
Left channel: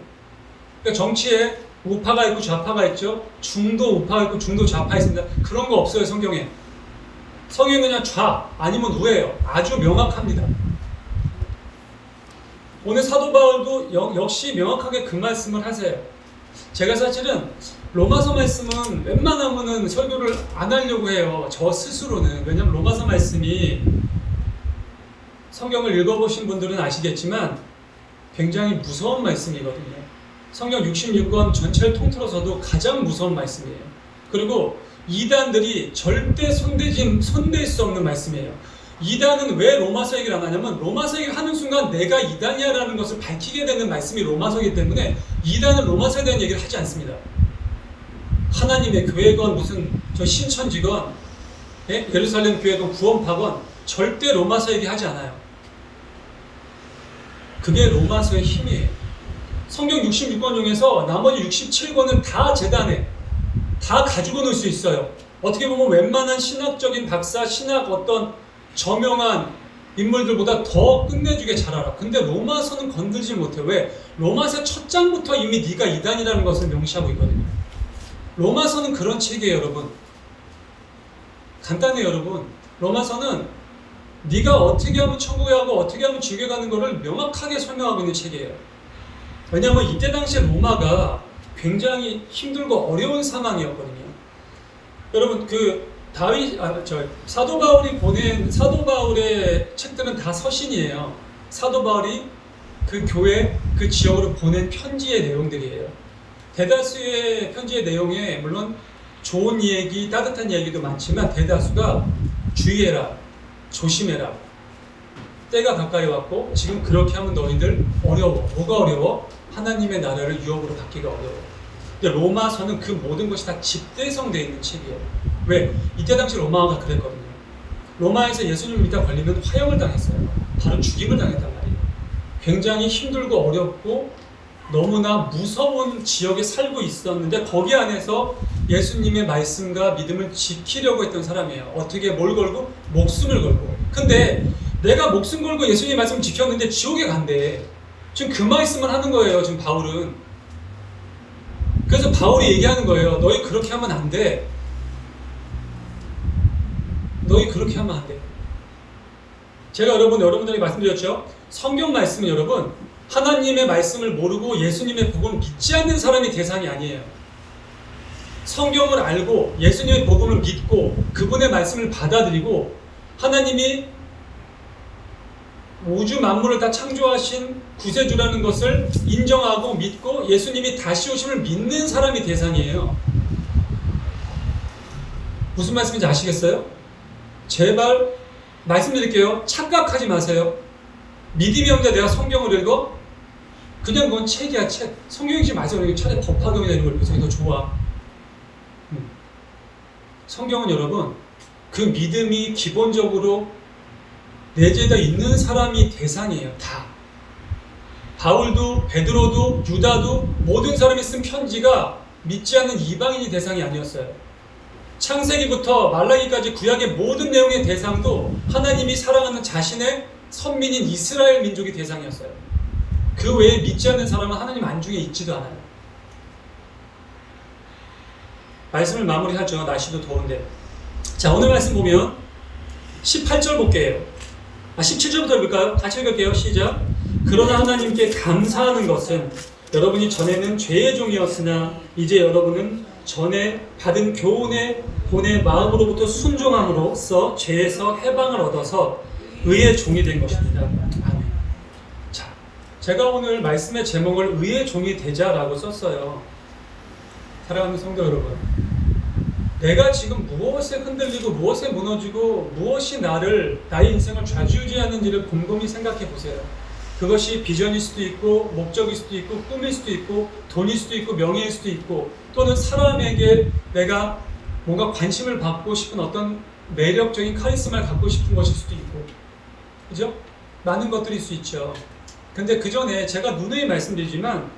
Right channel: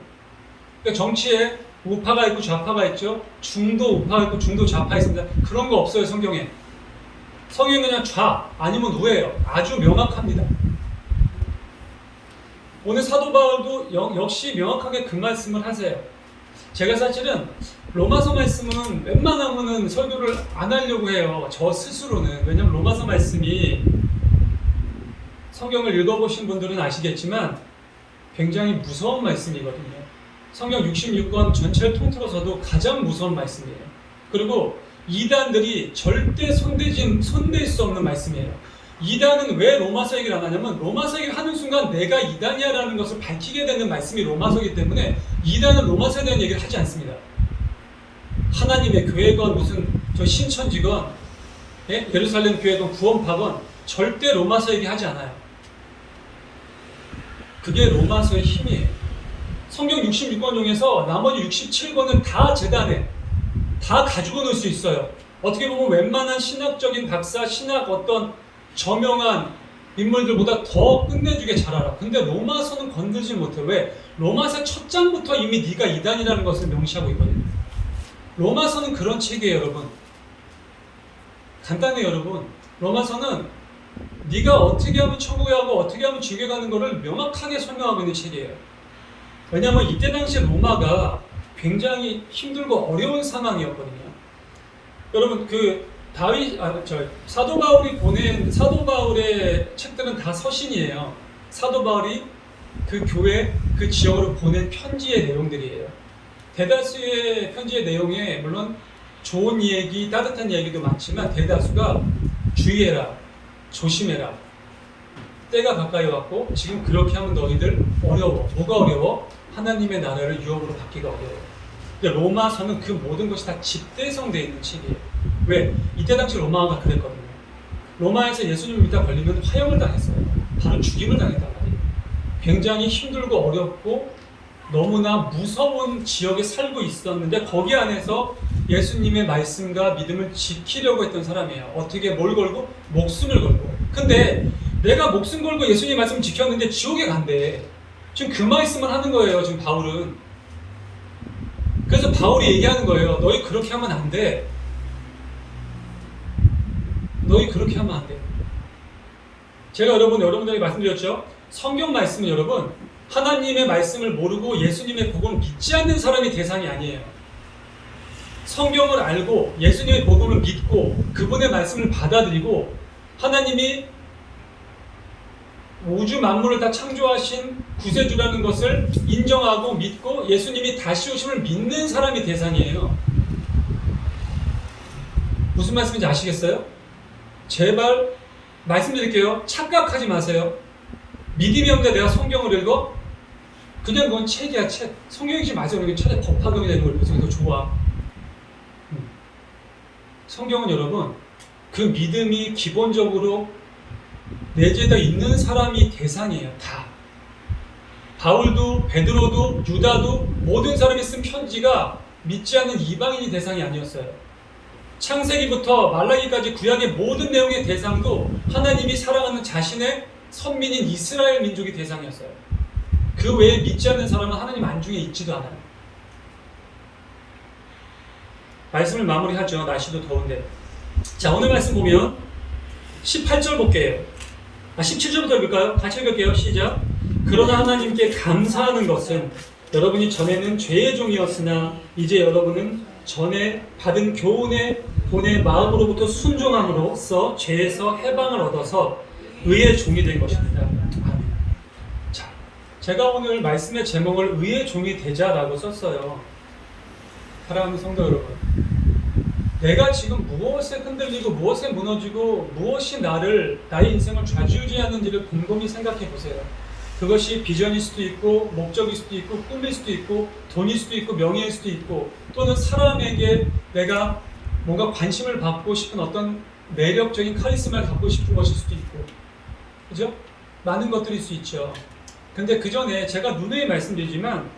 그러니까 정치에 우파가 있고 좌파가 있죠. 중도 우파가 있고 중도 좌파 있습니다. 그런 거 없어요, 성경에. 성경은 그냥 좌 아니면 우예요. 아주 명확합니다. 오늘 사도 바울도 역시 명확하게 그 말씀을 하세요. 제가 사실은 로마서 말씀은 웬만하면은 설교를 안 하려고 해요. 저 스스로는. 왜냐면 로마서 말씀이 성경을 읽어보신 분들은 아시겠지만 굉장히 무서운 말씀이거든요. 성경 66권 전체를 통틀어서도 가장 무서운 말씀이에요. 그리고 이단들이 절대 손댈 수 없는 말씀이에요. 이단은 왜 로마서 얘기를 안 하냐면 로마서 얘기를 하는 순간 내가 이단이야 라는 것을 밝히게 되는 말씀이 로마서이기 때문에 이단은 로마서에 대한 얘기를 하지 않습니다. 하나님의 교회건 무슨 저 신천지건 예루살렘 교회건 구원파건 절대 로마서 얘기하지 않아요. 그게 로마서의 힘이에요. 성경 66권 중에서 나머지 67권은 다 재단에 다 가지고 놀 수 있어요. 어떻게 보면 웬만한 신학적인 박사, 신학 어떤 저명한 인물들보다 더 끝내주게 잘 알아. 근데 로마서는 건들지 못해. 왜? 로마서의 첫 장부터 이미 네가 이단이라는 것을 명시하고 있거든요. 로마서는 그런 책이에요, 여러분. 간단해요, 여러분. 로마서는 네가 어떻게 하면 천국에 가고 어떻게 하면 지옥에 가는 것을 명확하게 설명하고 있는 책이에요. 왜냐하면 이때 당시에 로마가 굉장히 힘들고 어려운 상황이었거든요. 여러분 사도 바울의 책들은 다 서신이에요. 사도 바울이 그 교회 그 지역으로 보낸 편지의 내용들이에요. 대다수의 편지의 내용에 물론 좋은 얘기, 따뜻한 얘기도 많지만 대다수가 주의해라, 조심해라, 때가 가까이 왔고 지금 그렇게 하면 너희들 어려워. 뭐가 어려워? 하나님의 나라를 유업으로 받기가 어려워. 근데 로마서는 그 모든 것이 다 집대성되어 있는 책이에요. 왜? 이때 당시 로마가 그랬거든요. 로마에서 예수님 믿다 걸리면 화형을 당했어요. 바로 죽임을 당했단 말이에요. 굉장히 힘들고 어렵고 너무나 무서운 지역에 살고 있었는데 거기 안에서 예수님의 말씀과 믿음을 지키려고 했던 사람이에요. 어떻게 뭘 걸고? 목숨을 걸고. 근데 내가 목숨 걸고 예수님 말씀을 지켰는데 지옥에 간대. 지금 그 말씀을 하는 거예요. 지금 바울은. 그래서 바울이 얘기하는 거예요. 너희 그렇게 하면 안 돼. 너희 그렇게 하면 안 돼. 제가 여러분들에게 말씀드렸죠. 성경 말씀은 여러분 하나님의 말씀을 모르고 예수님의 복음을 믿지 않는 사람이 대상이 아니에요. 성경을 알고 예수님의 복음을 믿고 그분의 말씀을 받아들이고 하나님이 우주 만물을 다 창조하신 구세주라는 것을 인정하고 믿고 예수님이 다시 오심을 믿는 사람이 대상이에요. 무슨 말씀인지 아시겠어요? 제발 말씀드릴게요. 착각하지 마세요. 믿음이 없는데 내가 성경을 읽어? 그냥 그건 책이야, 책. 성경이지 마세요. 차라리 법화금이 되는 걸 보세요. 더 좋아. 성경은 여러분 그 믿음이 기본적으로 내재되어 있는 사람이 대상이에요. 다. 바울도 베드로도 유다도 모든 사람이 쓴 편지가 믿지 않는 이방인이 대상이 아니었어요. 창세기부터 말라기까지 구약의 모든 내용의 대상도 하나님이 사랑하는 자신의 선민인 이스라엘 민족이 대상이었어요. 그 외에 믿지 않는 사람은 하나님 안중에 있지도 않아요. 말씀을 마무리하죠. 날씨도 더운데. 자, 오늘 말씀 보면 18절 볼게요. 17절부터 읽을까요? 같이 읽을게요. 시작. 그러나 하나님께 감사하는 것은 여러분이 전에는 죄의 종이었으나 이제 여러분은 전에 받은 교훈의 본의 마음으로부터 순종함으로써 죄에서 해방을 얻어서 의의 종이 된 것입니다. 아멘. 자, 제가 오늘 말씀의 제목을 의의 종이 되자라고 썼어요. 사랑하는 성도 여러분, 내가 지금 무엇에 흔들리고 무엇에 무너지고 무엇이 나의 인생을 좌지우지하는지를 곰곰이 생각해 보세요. 그것이 비전일 수도 있고 목적일 수도 있고 꿈일 수도 있고 돈일 수도 있고 명예일 수도 있고 또는 사람에게 내가 뭔가 관심을 받고 싶은 어떤 매력적인 카리스마를 갖고 싶은 것일 수도 있고, 그죠? 많은 것들일 수 있죠. 근데 그 전에 제가 누누이 말씀드리지만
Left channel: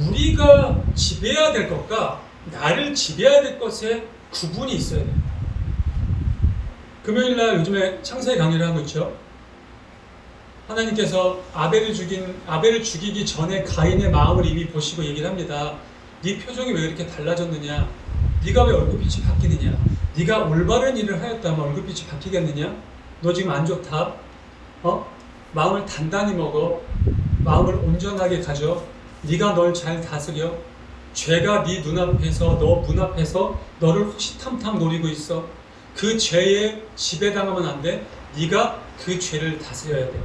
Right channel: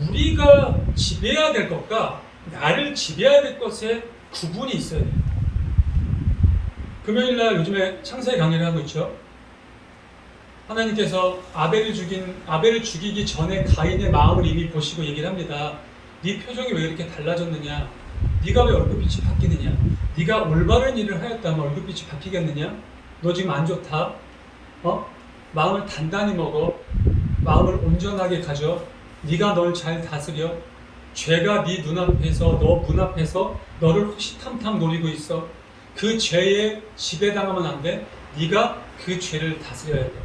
우리가 지배해야 될 것과 나를 지배해야 될 것에 구분이 있어야 돼요. 금요일날 요즘에 창세기 강의를 하고 있죠. 하나님께서 아벨을 죽이기 전에 가인의 마음을 이미 보시고 얘기를 합니다. 네 표정이 왜 이렇게 달라졌느냐? 네가 왜 얼굴빛이 바뀌느냐? 네가 올바른 일을 하였다면 얼굴빛이 바뀌겠느냐? 너 지금 안 좋다. 마음을 단단히 먹어. 마음을 온전하게 가져. 네가 널 잘 다스려. 죄가 네 눈앞에서 너 문 앞에서 너를 호시탐탐 노리고 있어. 그 죄에 지배당하면 안 돼. 네가 그 죄를 다스려야 돼.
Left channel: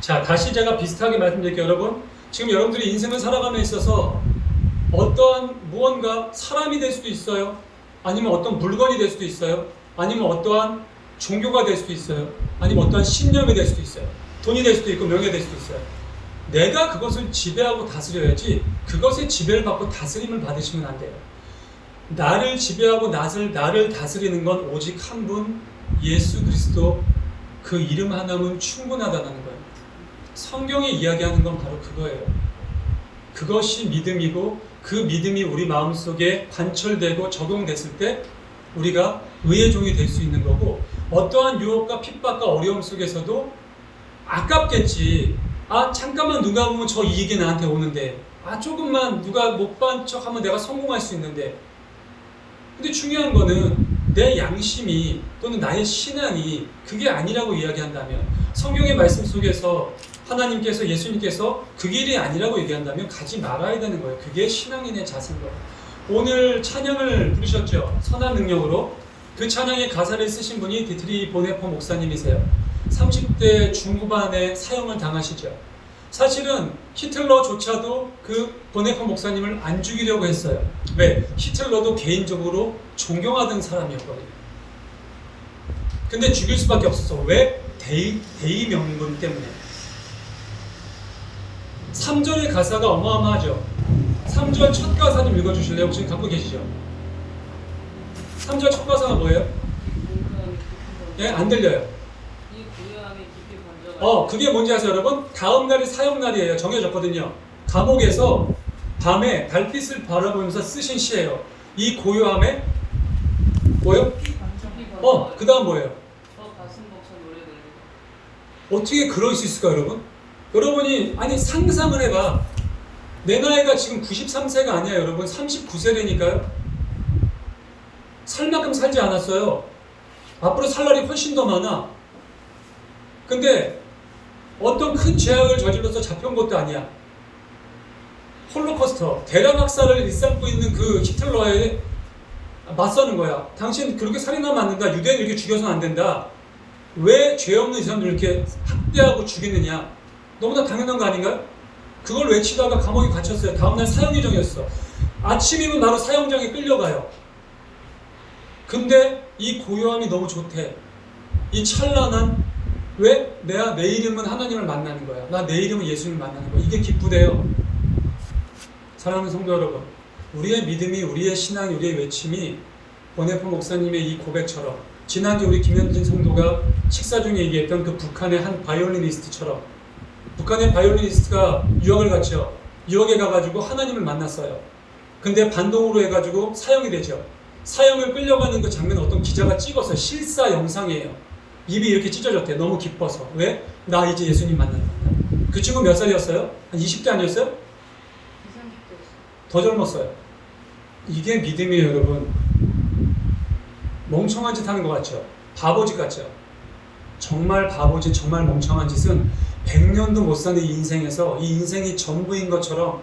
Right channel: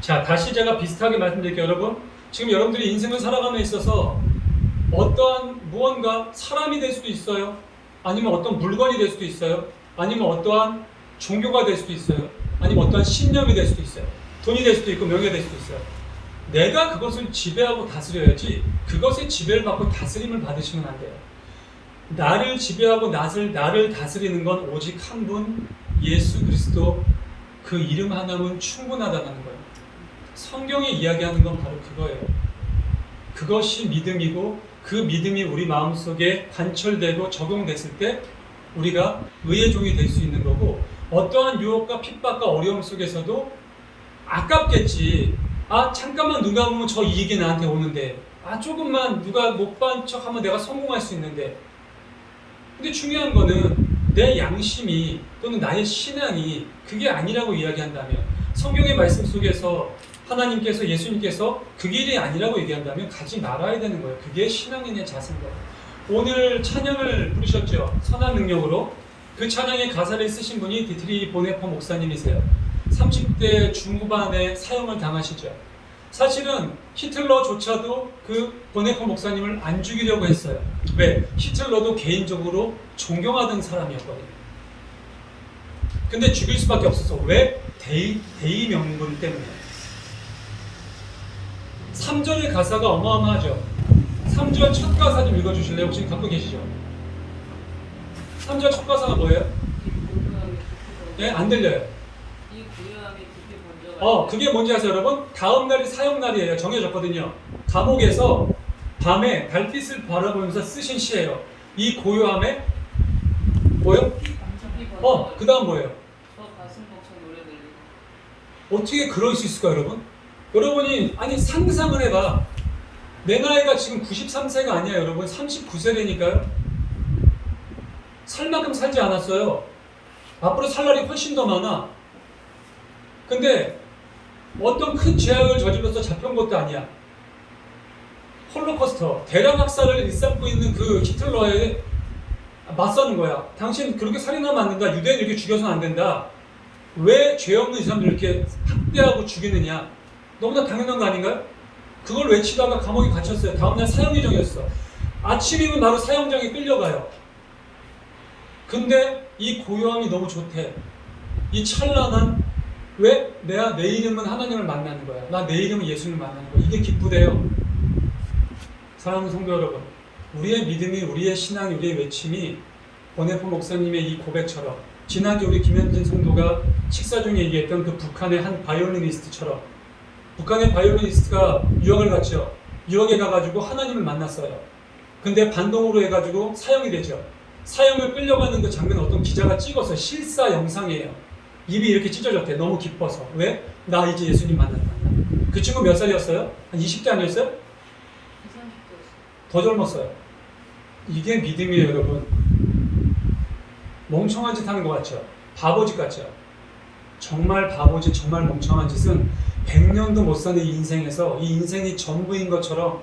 자, 다시 제가 비슷하게 말씀드릴게요. 여러분, 지금 여러분들이 인생을 살아감에 있어서 어떠한 무언가 사람이 될 수도 있어요. 아니면 어떤 물건이 될 수도 있어요. 아니면 어떠한 종교가 될 수도 있어요. 아니면 어떠한 신념이 될 수도 있어요. 돈이 될 수도 있고 명예 될 수도 있어요. 내가 그것을 지배하고 다스려야지 그것의 지배를 받고 다스림을 받으시면 안 돼요. 나를 지배하고 나를 다스리는 건 오직 한 분, 예수 그리스도, 그 이름 하나면 충분하다는 거예요. 성경이 이야기하는 건 바로 그거예요. 그것이 믿음이고 그 믿음이 우리 마음속에 관철되고 적용됐을 때 우리가 의의 종이 될 수 있는 거고, 어떠한 유혹과 핍박과 어려움 속에서도 아깝겠지. 잠깐만 누가 보면 저 이익이 나한테 오는데, 조금만 누가 못 본 척하면 내가 성공할 수 있는데. 근데 중요한 거는 내 양심이 또는 나의 신앙이 그게 아니라고 이야기한다면, 성경의 말씀 속에서 하나님께서 예수님께서 그 길이 아니라고 얘기한다면 가지 말아야 되는 거예요. 그게 신앙인의 자세인 거예요. 오늘 찬양을 부르셨죠. 선한 능력으로. 그 찬양의 가사를 쓰신 분이 디트리 보네퍼 목사님이세요. 30대 중후반에 사형을 당하시죠. 사실은 히틀러조차도 그 보네퍼 목사님을 안 죽이려고 했어요. 왜? 히틀러도 개인적으로 존경하던 사람이었거든요. 근데 죽일 수밖에 없었어. 왜? 대의 명분 때문에. 3절의 가사가 어마어마하죠. 3절 첫 가사 좀 읽어주실래요? 혹시 갖고 계시죠? 3절 첫 가사가 뭐예요? 네? 안 들려요. 그게 뭔지 아세요, 여러분? 다음 날이 사형날이에요. 정해졌거든요. 감옥에서 밤에 달빛을 바라보면서 쓰신 시예요. 이 고요함에 뭐예요? 그 다음 뭐예요? 어떻게 그럴 수 있을까 여러분? 여러분이 아니 상상을 해봐. 내 나이가 지금 93세가 아니야 여러분. 39세라니까요. 살 만큼 살지 않았어요. 앞으로 살 날이 훨씬 더 많아. 근데 어떤 큰 죄악을 저질러서 잡혀온 것도 아니야. 홀로코스터, 대량 학살을 일삼고 있는 그 히틀러에 맞서는 거야. 당신 그렇게 살인하면 안 된다. 유대인 이렇게 죽여서는 안 된다. 왜 죄 없는 이 사람들 이렇게 학대하고 죽이느냐. 너무나 당연한 거 아닌가요? 그걸 외치다가 감옥에 갇혔어요. 다음날 사형 예정이었어. 아침이면 바로 사형장에 끌려가요. 근데 이 고요함이 너무 좋대. 이 찬란한, 왜? 내가 내일이면 하나님을 만나는 거야. 나 내일이면 예수님을 만나는 거야. 이게 기쁘대요. 사랑하는 성도 여러분, 우리의 믿음이, 우리의 신앙, 우리의 외침이 권혜포 목사님의 이 고백처럼, 지난주 우리 김현진 성도가 식사 중에 얘기했던 그 북한의 한 바이올리니스트처럼, 북한의 바이올리니스트가 유학을 갔죠. 유학에 가가지고 하나님을 만났어요. 근데 반동으로 해가지고 사형이 되죠. 사형을 끌려가는 그 장면 어떤 기자가 찍어서 실사 영상이에요. 입이 이렇게 찢어졌대. 너무 기뻐서. 왜? 나 이제 예수님 만난다. 그 친구 몇 살이었어요? 한 20대 아니었어요? 더 젊었어요. 이게 믿음이에요 여러분. 멍청한 짓 하는 것 같죠? 바보짓 같죠? 정말 바보짓, 정말 멍청한 짓은 100년도 못 사는 이 인생에서 이 인생이 전부인 것처럼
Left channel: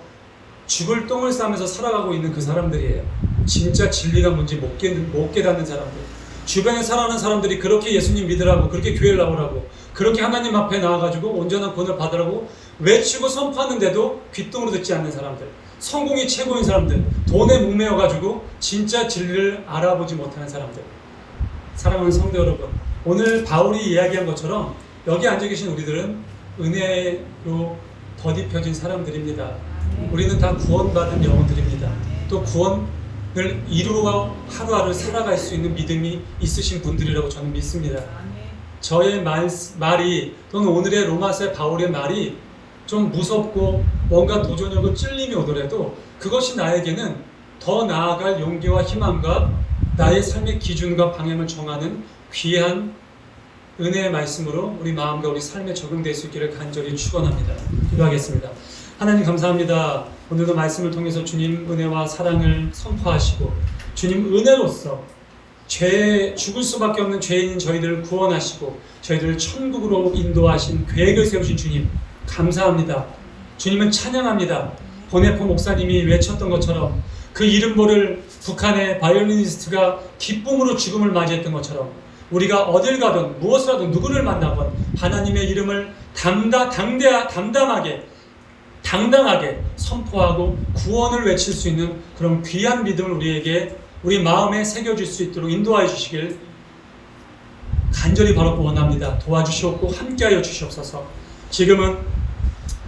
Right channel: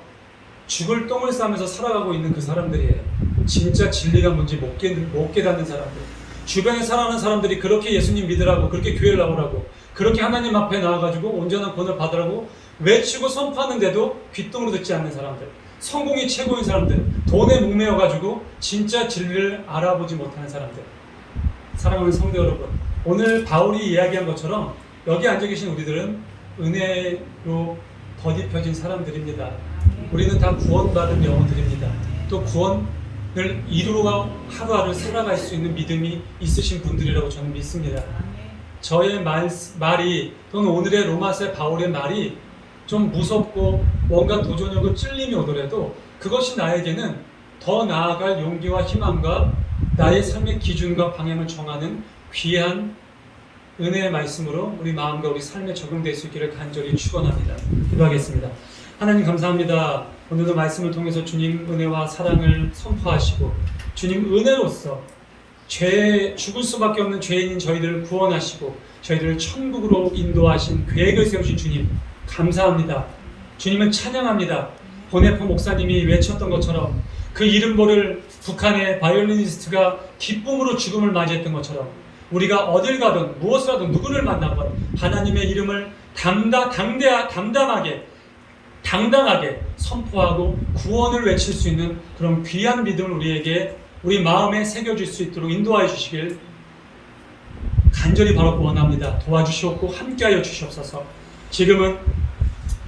죽을 똥을 싸면서 살아가고 있는 그 사람들이에요. 진짜 진리가 뭔지 못 깨닫는 사람들. 주변에 살아가는 사람들이 그렇게 예수님 믿으라고, 그렇게 교회를 나오라고, 그렇게 하나님 앞에 나와가지고 온전한 구원을 받으라고 외치고 선포하는데도 귓등으로 듣지 않는 사람들. 성공이 최고인 사람들. 돈에 목매어가지고 진짜 진리를 알아보지 못하는 사람들. 사랑하는 성도 여러분, 오늘 바울이 이야기한 것처럼 여기 앉아 계신 우리들은 은혜로 덧입혀진 사람들입니다. 우리는 다 구원받은 영혼들입니다. 또 구원을 이루어 하루하루 살아갈 수 있는 믿음이 있으신 분들이라고 저는 믿습니다. 저의 말이 또는 오늘의 로마서 바울의 말이 좀 무섭고 뭔가 도전하고 찔림이 오더라도 그것이 나에게는 더 나아갈 용기와 희망과 나의 삶의 기준과 방향을 정하는 귀한 은혜의 말씀으로 우리 마음과 우리 삶에 적용될 수 있기를 간절히 축원합니다. 기도하겠습니다. 하나님 감사합니다. 오늘도 말씀을 통해서 주님 은혜와 사랑을 선포하시고 주님 은혜로서 죄에 죽을 수밖에 없는 죄인인 저희들을 구원하시고 저희들을 천국으로 인도하신 계획을 세우신 주님 감사합니다. 주님을 찬양합니다. 권혜포 목사님이 외쳤던 것처럼 그 이름 모를 북한의 바이올리니스트가 기쁨으로 죽음을 맞이했던 것처럼 우리가 어딜 가든 무엇을 하든 누구를 만나건 하나님의 이름을 당당하게 선포하고 구원을 외칠 수 있는 그런 귀한 믿음을 우리에게 우리 마음에 새겨줄 수 있도록 인도하여 주시길 간절히 바라고 원합니다. 도와주시옵고 함께하여 주시옵소서. 지금은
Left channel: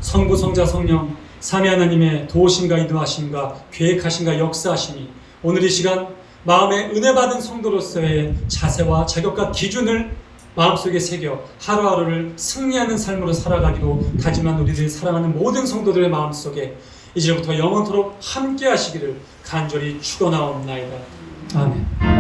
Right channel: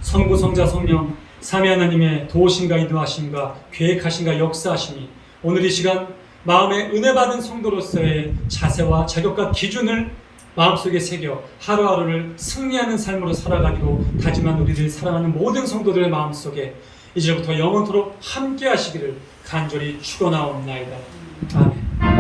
성부 성자 성령 삼위 하나님의 도우심과 인도하심과 계획하심과 역사하심이 오늘 이 시간 마음에 은혜 받은 성도로서의 자세와 자격과 기준을 마음속에 새겨 하루하루를 승리하는 삶으로 살아가기로 다짐한 우리들이 사랑하는 모든 성도들의 마음속에 이제부터 영원토록 함께 하시기를 간절히 축원하옵나이다. 아멘.